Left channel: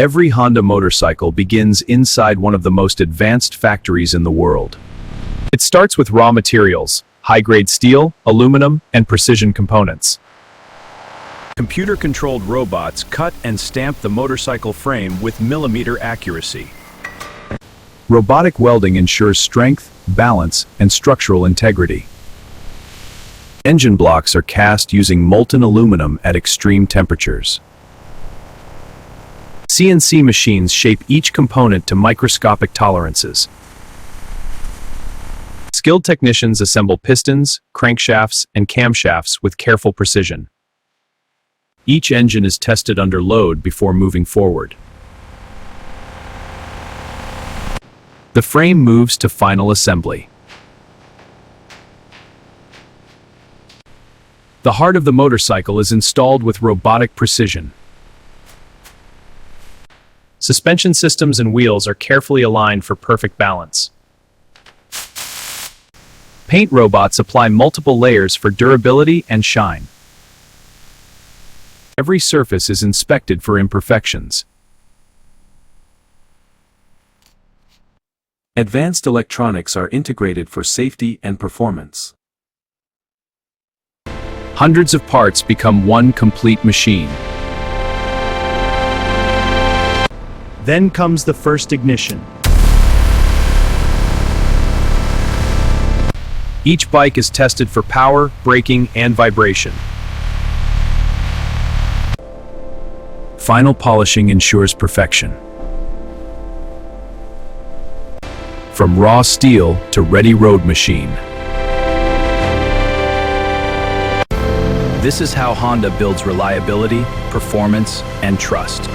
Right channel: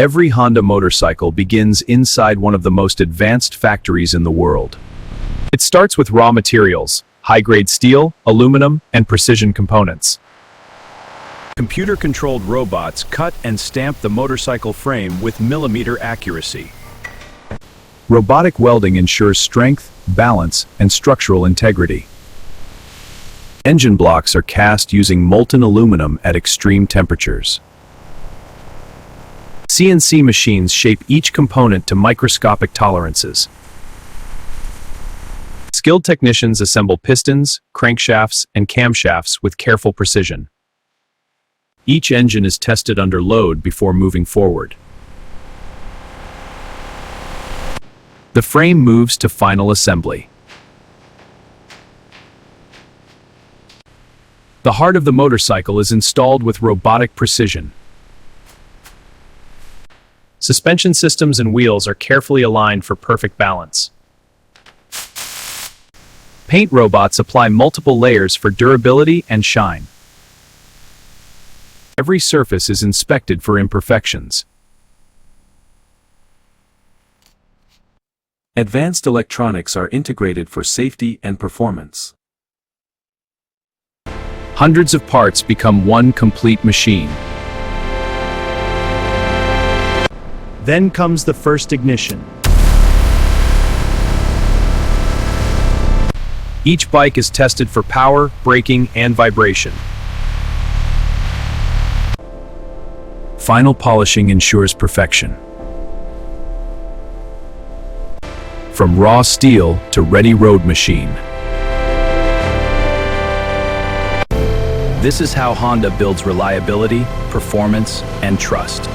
Every Honda motorcycle begins inside one of the most advanced factories in the world. It starts with raw materials, high-grade steel, aluminum, and precision components. Computer-controlled robots cut and stamp the motorcycle frame with millimeter accuracy. Robotic welding ensures strength, balance, and structural integrity. Engine blocks are cast using molten aluminum at extreme temperatures. CNC machines shape each component to microscopic tolerances. Skilled technicians assemble pistons, crankshafts, and camshafts with careful precision. Each engine is tested under load before moving forward. The frame moves to final assembly. The heart of the motorcycle is installed with robotic precision. Suspension systems and wheels are carefully aligned for perfect balance. Paint robots apply multiple layers for durability and shine. Every surface is inspected for imperfections. Advanced electronics are integrated for safety and performance. Hundreds of parts become one complete machine. Then comes the first ignition. Each bike is tested for power, braking, and vibration. Final polishing ensures perfection. From raw steel to ready road machine. This is how Honda builds reliability, performance, and trust.